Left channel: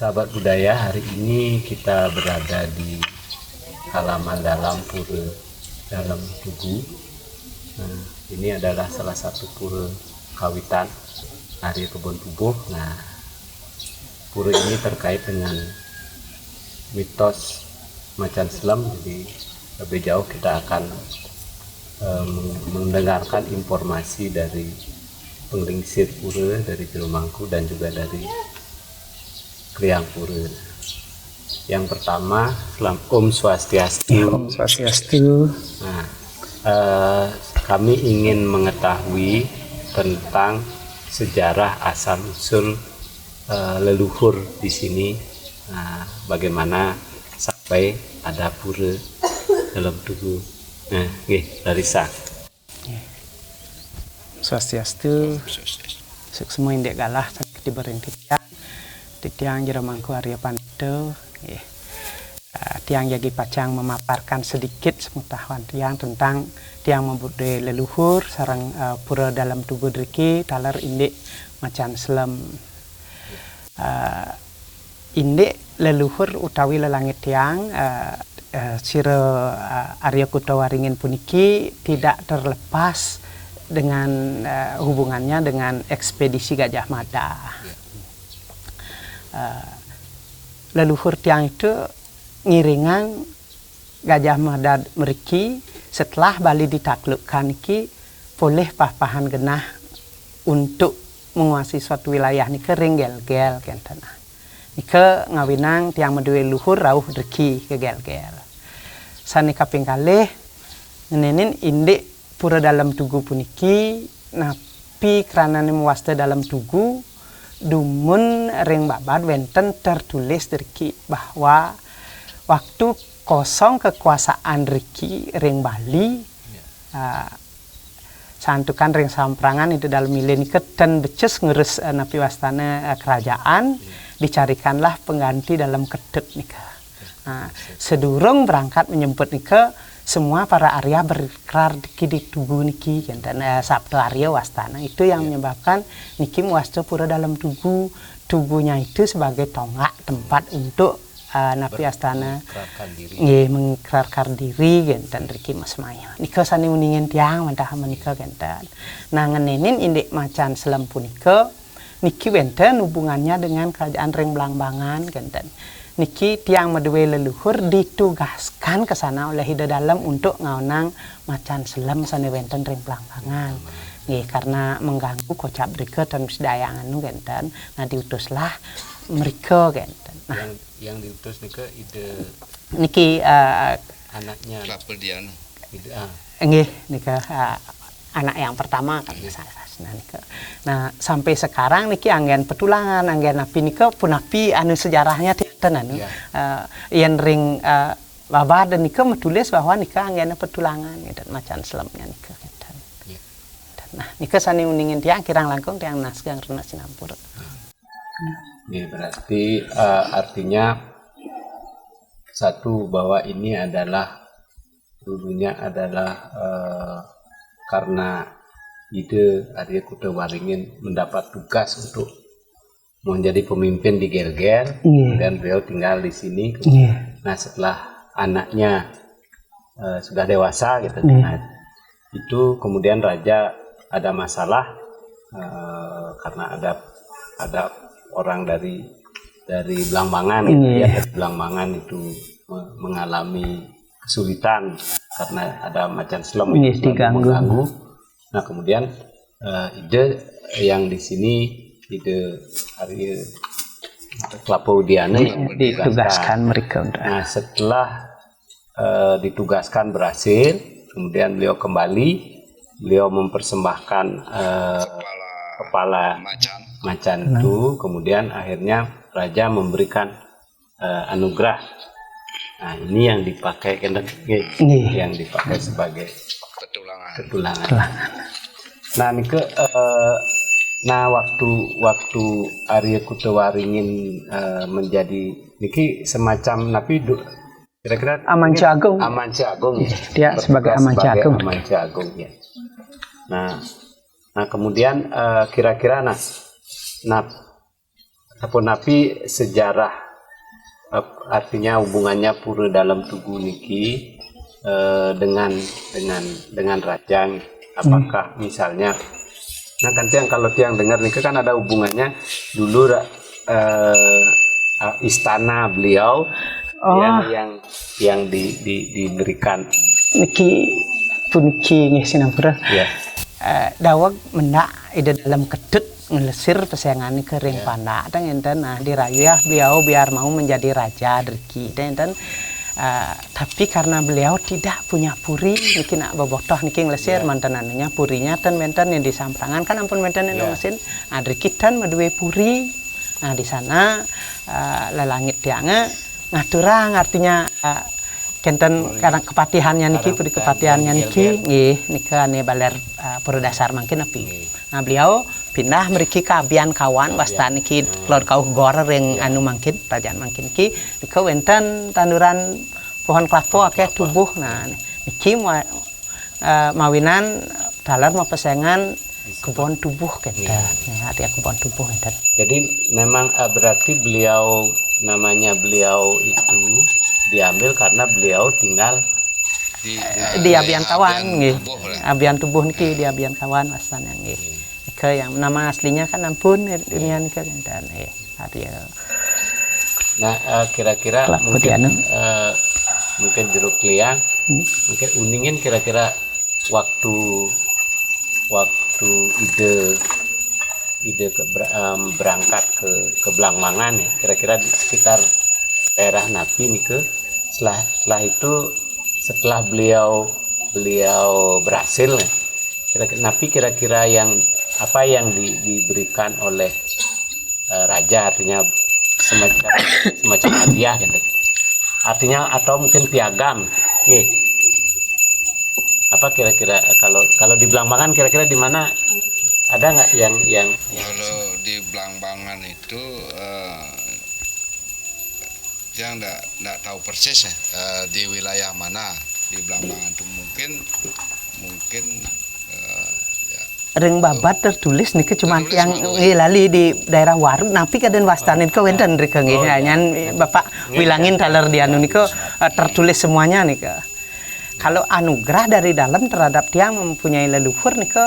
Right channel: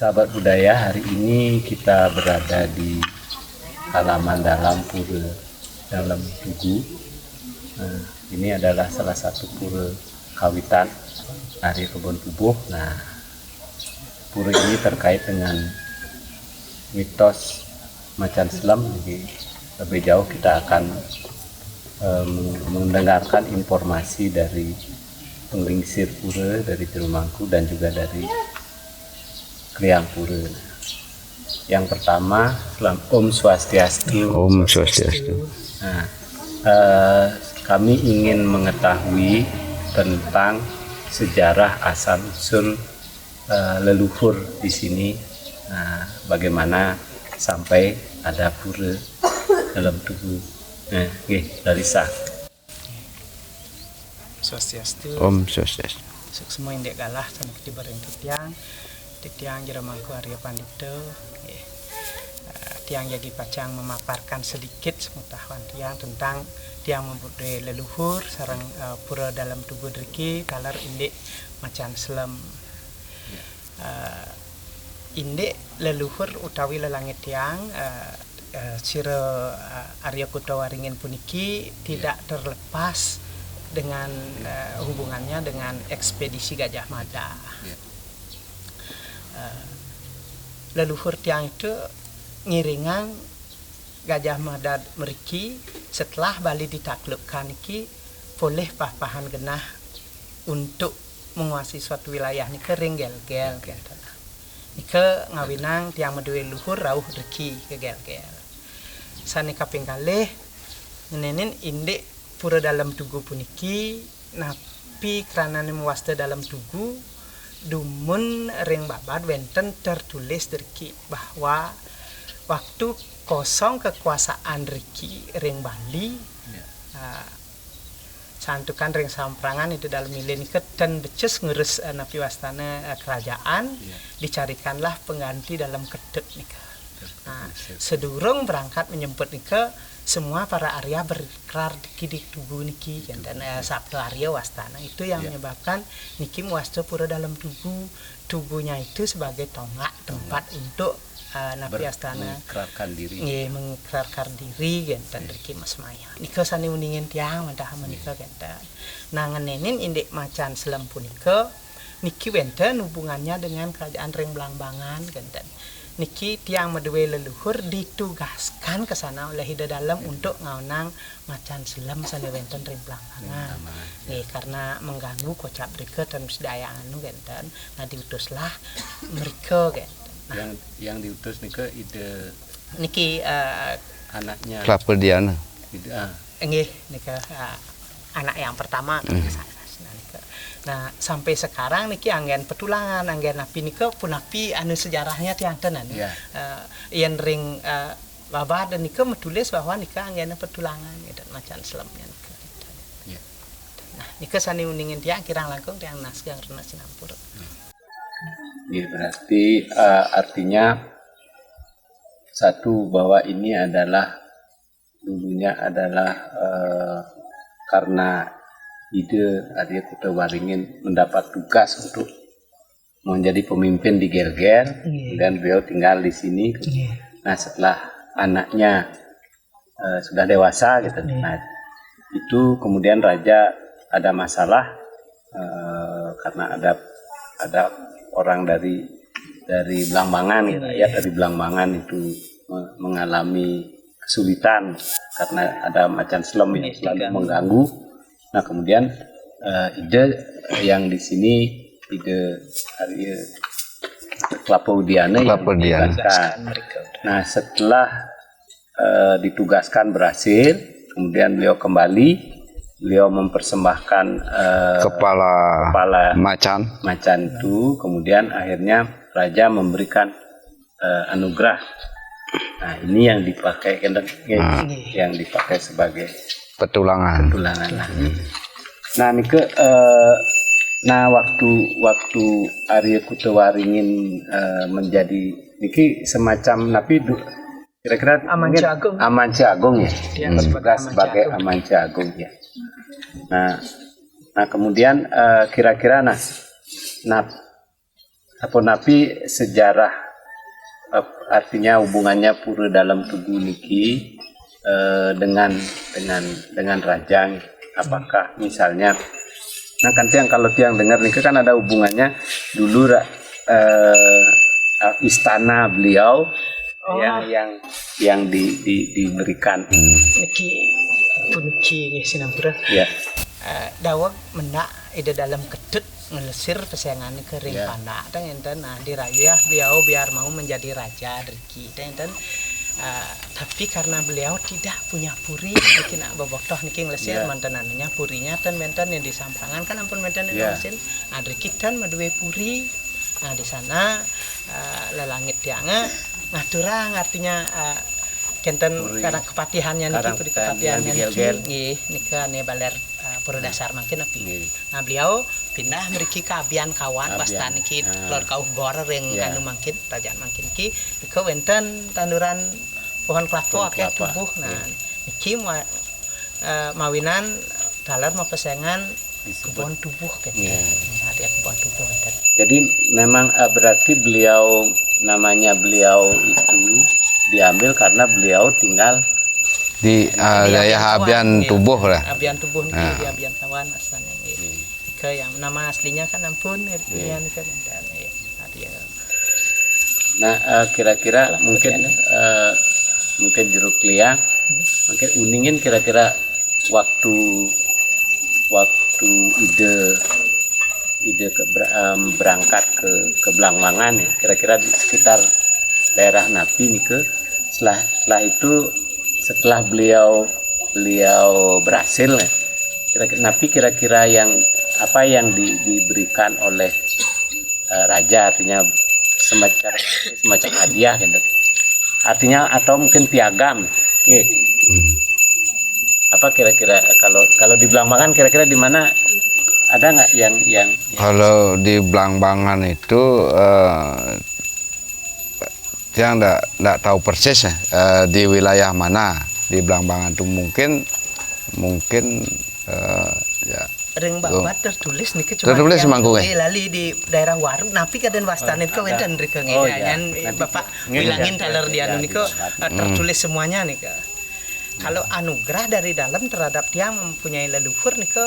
Sahabat budaya, hari ini kita berada di halaman dalam Pura Dalam Tugu. Nah, ini adalah salah satu pura kawitan Arya Kebon Pubuh. Nah, pura ini terkait dengan mitos Macan Selam. Jadi lebih jauh kita akan mendengarkan informasi dari penglingsir pura, dari Jelumangku dan juga dari Kriang Pura. Yang pertama, Om Swastiastu. Om Swastiastu. Nah, kami ingin mengetahui tentang sejarah asal usul leluhur di sini. Nah, bagaimana sampai ada pura dalam tugu. Nah, Larissa. Swastiastu. Om Swastiastu. Semua indek galah sampai dibering Tiang Jelumangku Arya Pandito. Tiang Jagi Pacang memaparkan sedikit sepengetahuan tiang tentang tiang membudaya leluhur sarang pura dalam tugu driki talar indek Macan Selam. Indek leluhur utawi lelangit tiang sira Arya Kutawaringin puniki tidak terlepas dengan hubungannya dengan ekspedisi Gajah Mada. Leluhur tiang itu ngiringan Gajah Mada meriki setelah Bali ditaklukkan iki boleh papahan genah untuk menguasai suatu wilayah nike ringgel-gel kenten. Nike ngawinang tiang medue luhur rauh reki ke gel-gel. Sani kaping kalih ngenenin indik pura dalam tugu puniki napi karena muasta dalam tugu dumun ring babad wenten tertulis derki bahwa waktu kosong kekuasaan Riki ring Bali santukan ring samprangan itu dalam milen dan beces ngurus napi wastana kerajaan dicarikanlah pengganti dalam kedut nika. Sedurung berangkat menyemput nika semua para Arya berikrar di tugu niki dan Sabtu Arya wastana itu yang menyebabkan niki wasta pura dalam tugunya itu sebagai tonggak tempat untuk napi astana mengikrarkan diri dan riki Mas Maya nika sani uningin tiang mentah menika genten. Nah ngenenin indek Macan Selam punika niki wenten hubungannya dengan kerajaan ring Blangbangan genten. Niki tiang medue leluhur ditugaskan ke sana oleh Hida Dalam untuk ngaunang Macan Selam sana wenten ring Blangbangan. Karena mengganggu kocap mereka dan sedayangan genten. Nah diutuslah mereka genten. Nah, yang diutus niki anaknya Kelapa Diana. Nika anak yang pertama. Nah sampai sekarang niki anggen petulangan anggen napi nika punapi anu sejarahnya tianten anu yang ring babad dan nika menulis bahwa nika anggen petulangan dan Macan Selamnya nika. Nah nika sani uningin tiang kirang langkung tiang nasgang rena sinampur. Ini berarti artinya satu bahwa ini adalah dulunya adalah karena ide Arya Kutawaringin mendapat tugas untuk menjadi pemimpin di Gel-Gel, dan beliau tinggal di sini. Nah setelah anaknya sudah dewasa gitu, nah, itu kemudian raja ada masalah karena ada orang dari Blangbangan gitu ya, dari Blangbangan itu mengalami kesulitan karena ada Macan Selam yang mengganggu. Nah kemudian ide yang di sini ide Arya Kelapa Diana ditugaskan mereka. Nah setelah ditugaskan berhasil, kemudian beliau kembali, beliau mempersembahkan kepala macan itu, kemudian akhirnya raja memberikan anugerah. Nah ini yang dipakai yang dipakai sebagai petulangan. Nah nike waktu Arya Kutawaringin menjadi niki semacam napi kira-kira Amanca Agung ya. Dia sebagai Amanca Agung ya. Nah kemudian kira-kira apa napi sejarah artinya hubungannya pura dalam Tugu niki dengan raja. Apakah misalnya nah kan tiang kalau tiang dengar nih kan ada hubungannya dulu istana beliau yang diberikan niki puniki nggih sinapura ya. Dawag mendak ide dalam kedut ngelesir pesayangan ke ring panda dan enten dirayah beliau biar mau menjadi raja Driki dan enten tapi karena beliau tidak punya puri mungkin nak bobotoh niki ngelesir mantan anunya purinya tan menten yang disamprangan kan ampun menten yang mesin Driki tan madue puri. Nah di sana lelangit tianga ngaturang artinya kenten karena kepatihannya niki puri kepatihannya niki nggih nika ane baler pura dasar mungkin api. Nah beliau pindah mriki ka abian kawan wasta niki lor kau gor ring anu mungkin kerajaan mungkin ki nika wenten tanduran pohon kelapa akeh tubuh. Nah niki mawinan dalar mau pesengan kebun tubuh kenten hati kebun tubuh kenten. Jadi memang berarti beliau namanya beliau itu diambil karena beliau tinggal di abian tubuh lah. Abian tubuh niki di abian kawan asal yang yang nama aslinya kan ampun dunia niki dan Nah kira-kira mungkin jeruk liang mungkin uningin kira-kira waktu ide berangkat ke Blangmangan ya kira-kira di sekitar daerah Napi nih ke setelah itu setelah beliau berhasil ya, Napi kira-kira yang apa yang diberikan oleh raja artinya semacam hadiah gitu artinya atau mungkin piagam apa kira-kira kalau di Blangmangan kira-kira di mana ada nggak yang kalau di Blangmangan itu yang enggak tahu persis di wilayah mana di Blangmangan itu mungkin ya ring babat tertulis nih cuma yang lali di daerah Waru napi kaden wastanin ke wenten rika nggih nyan Bapak wilangin taler di anu niko tertulis semuanya nih ke. Kalau anugerah dari dalam terhadap dia mempunyai leluhur niko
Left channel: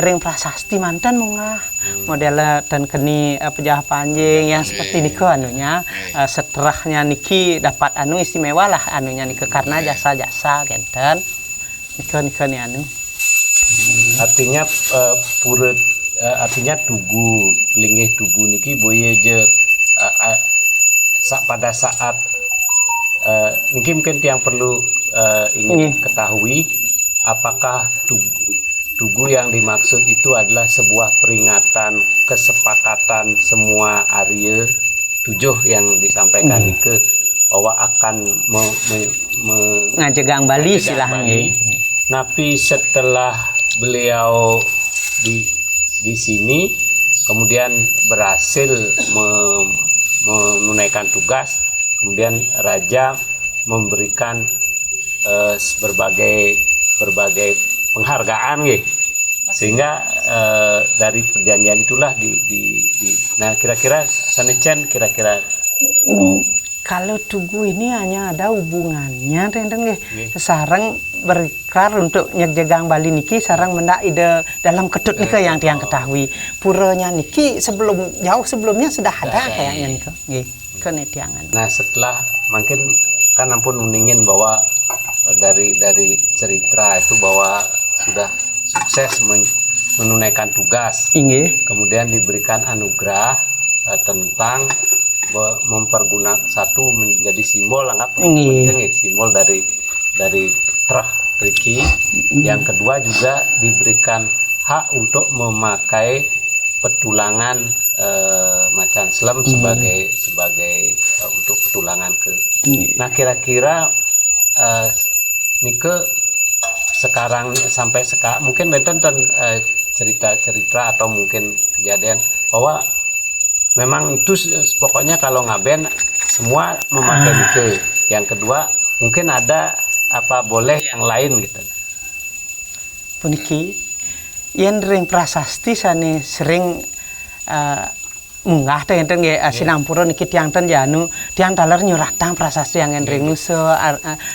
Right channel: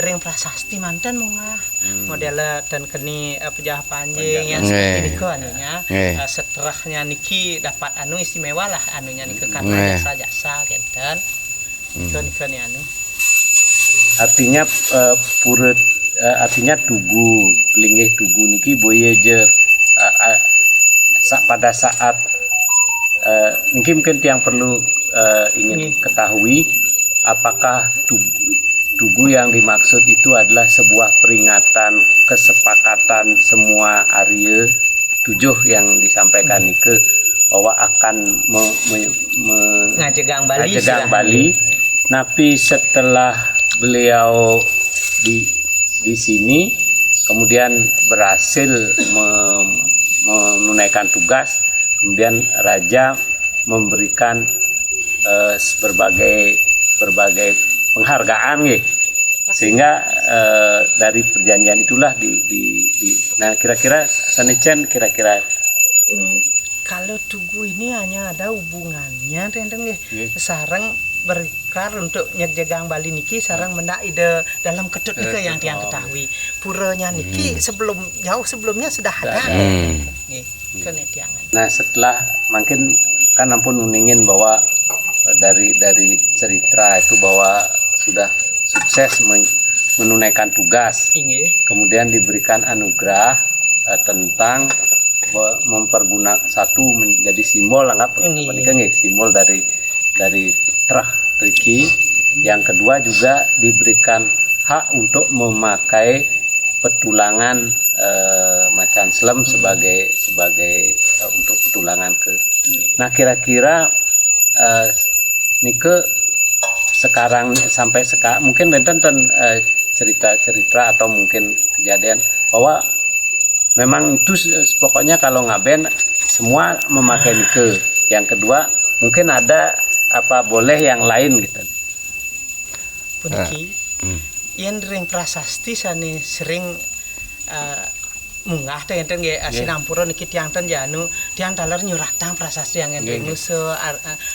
ring prasasti mantan mungah model dan keni pejah panjang ya seperti niko anunya setelahnya niki dapat anu istimewa lah anunya niko karena jasa-jasa genten niko nih anu artinya artinya tugu pelingih tugu niki boyejer pada saat mungkin yang perlu ingin ketahui apakah tugu yang dimaksud itu adalah sebuah peringatan kesepakatan semua Arya 7 yang disampaikan ke bahwa akan ngajegang Bali Tapi setelah beliau di sini kemudian berhasil menunaikan tugas kemudian raja memberikan berbagai penghargaan sehingga dari perjanjian itulah nah kira-kira Sanecen kira-kira kalau tugu ini hanya ada hubungannya tentang sarang berikrar untuk nyejegang Bali niki sarang mendak ide dalam ketut nika yang tiang ketahui puranya niki jauh sebelumnya sudah ada nggih kenetiangan. Nah setelah mungkin kan ampun uningin bahwa dari cerita itu bahwa sudah sukses menunaikan tugas. Kemudian diberikan anugerah tentang mempergunakan satu menjadi simbol anggap simbol dari Trah Riki. Yang kedua juga diberikan hak untuk memakai petulangan macan selam sebagai untuk petulangan ke. Nah kira-kira nike sekarang sampai sekarang mungkin benten cerita-cerita atau mungkin kejadian bahwa memang itu pokoknya kalau ngaben semua memakai nike. Yang kedua mungkin ada apa boleh yang lain gitu. Puniki yang ring prasasti sani sering munggah teh enten nggih sinampura niki tiang ten janu tiang taler nyuratang prasasti angen ring nusa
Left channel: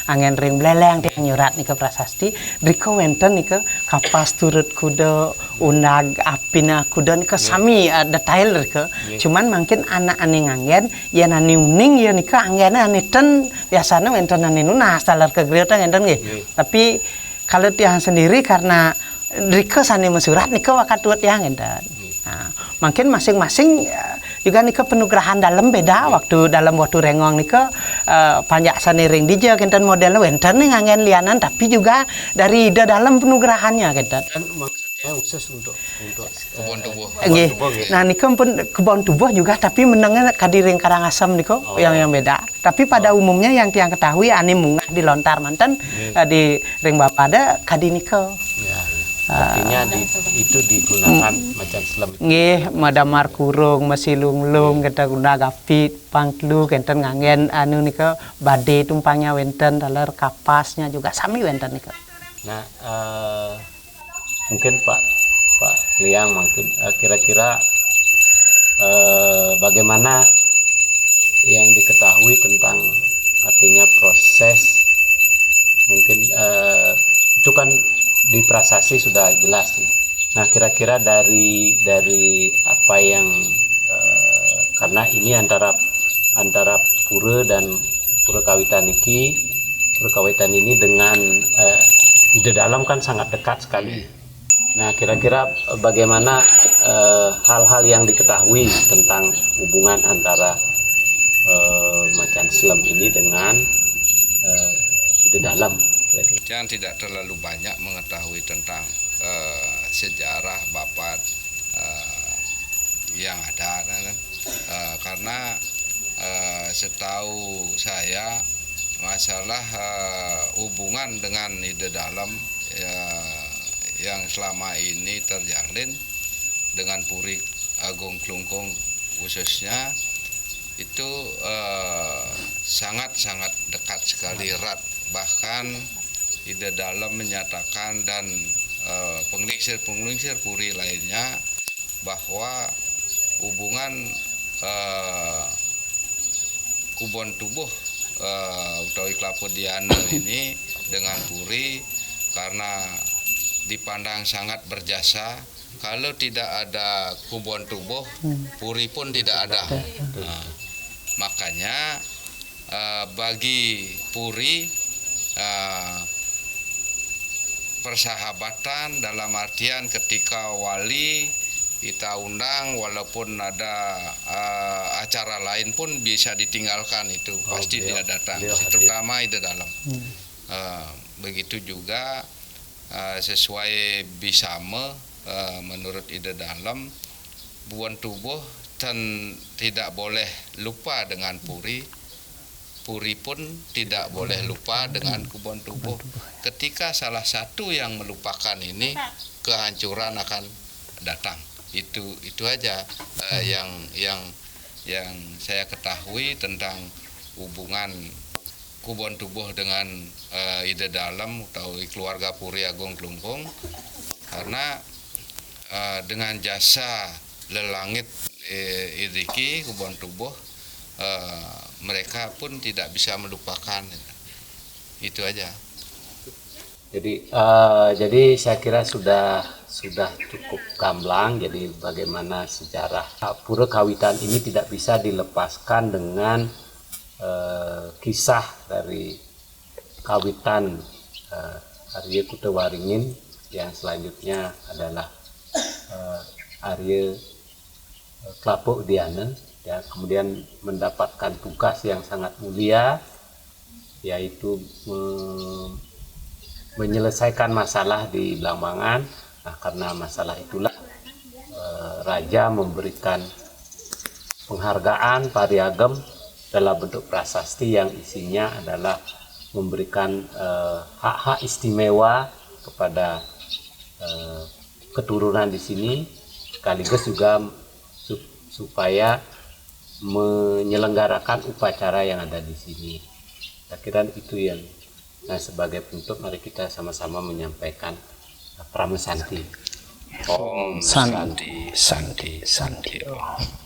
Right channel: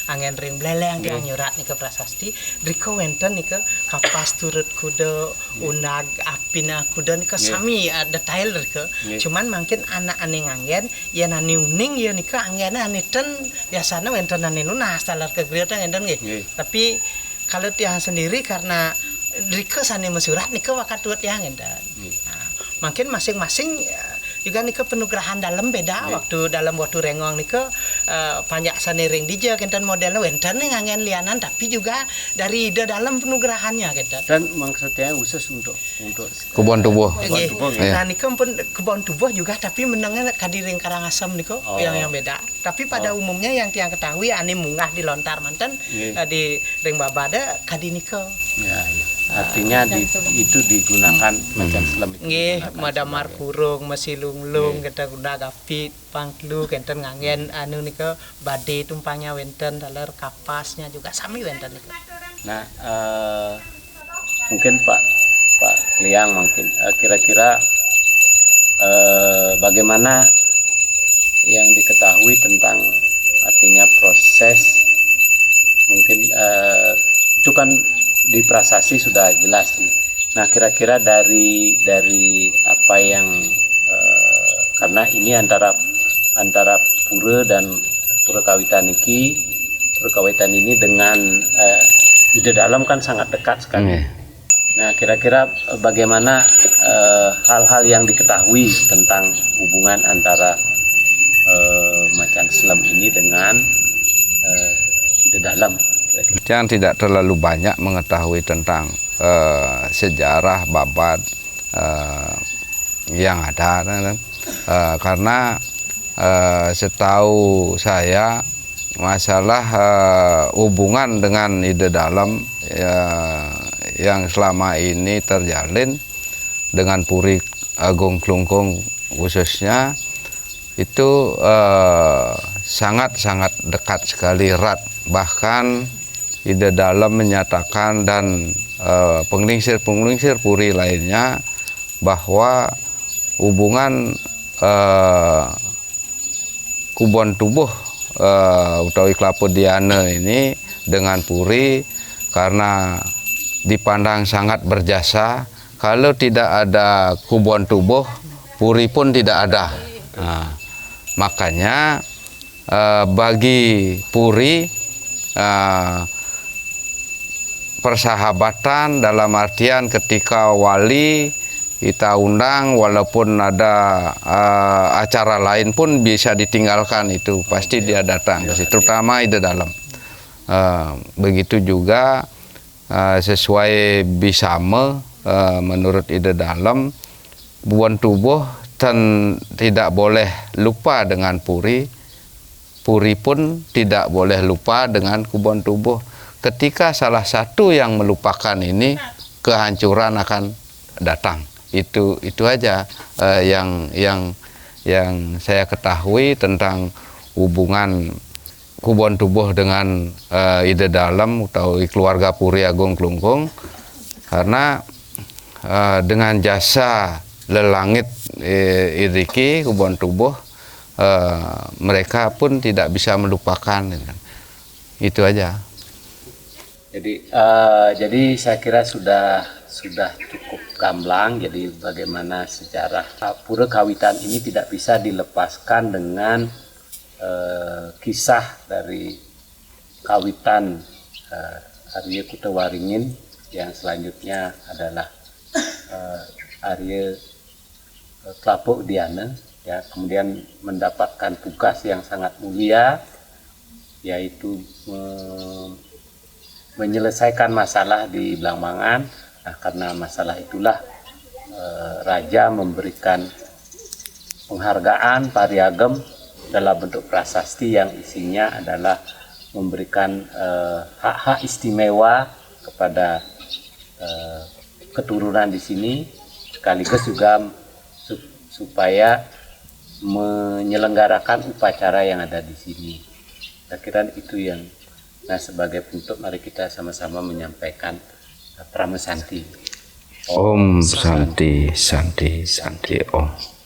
angen ring bleleng tiang nyurat nika prasasti rika wenten nika kapas turut kuda unag apina kuda nika sami detail rika cuman mungkin anak ane ngangen yen ane uning ya nika anggena ane ten biasanya wenten ane nunas taler kegriot enten nggih tapi kalau tiang sendiri karena rika sane mensurat nika wakat tuat tiang enten. Nah, mungkin masing-masing juga nika penugrahan dalam beda waktu dalam waktu rengong nika panjak sane ring dija kenten model wenten ngangen lianan tapi juga dari ide dalam penugrahannya kenten. Dan maksudnya khusus untuk Kebun tubuh. Nggih. Nah nika pun kebun tubuh juga tapi menengah kadiring Karangasem nika yang beda. Tapi pada umumnya yang tiang ketahui ane mungah di lontar manten di ring babada kadinika. Ya. Artinya itu digunakan macam selam. Nggih, madamar kurung, masilunglung, kita guna gapit, pangklu, kenten ngangen anu nika bade tumpangnya wenten, dalar kapasnya juga sami wenten nika. Nah, mungkin Pak Liang mungkin kira-kira bagaimana yang diketahui tentang artinya proses mungkin itu kan di prasasti sudah jelas nih. Nah kira-kira dari apa yang karena ini antara pura dan pura kawitan ini dengan ide dalam kan sangat dekat sekali. Nah kira-kira bagaimana hal-hal yang diketahui tentang hubungan antara macan selam ini dengan ide dalam. Yang tidak terlalu banyak mengetahui tentang sejarah babat yang ada, karena setahu saya masalah hubungan dengan ide dalam yang selama ini terjalin dengan Puri Agung Klungkung khususnya itu sangat-sangat dekat sekali, erat. Bahkan ide dalam menyatakan dan penglingsir-penglingsir puri lainnya bahwa hubungan kubon tubuh utawi Kelapa Diana ini dengan puri karena dipandang sangat berjasa. Kalau tidak ada kubon tubuh, puri pun tidak ada. Nah, makanya bagi puri persahabatan dalam artian ketika wali kita undang walaupun ada acara lain pun bisa ditinggalkan, itu pasti dia datang, terutama ide dalam. Begitu juga sesuai bisame menurut ide dalam buan tubuh tidak boleh lupa dengan puri. Puri pun tidak boleh lupa dengan kubon tubuh. Ketika salah satu yang melupakan ini, kehancuran akan datang. Itu aja yang saya ketahui tentang hubungan kubon tubuh dengan ide dalam atau keluarga Puri Agung Klungkung, karena dengan jasa lelangit iriki kubon tubuh, mereka pun tidak bisa melupakan. Itu aja. Jadi saya kira sudah cukup gamblang. Jadi bagaimana sejarah pura kawitan ini tidak bisa dilepaskan dengan kisah dari kawitan Arya Kutewaringin yang selanjutnya adalah Arya Kelapa Diana. Ya, kemudian mendapatkan tugas yang sangat mulia, yaitu menyelesaikan masalah di Blambangan. Nah, karena masalah itulah Raja memberikan penghargaan pariagem dalam bentuk prasasti yang isinya adalah memberikan hak-hak istimewa kepada keturunan di sini, sekaligus juga supaya menyelenggarakan upacara yang ada di sini. Saya kira itu yang, nah sebagai bentuk mari kita sama-sama menyampaikan Pramesanti. Om Santi Santi Santi Om.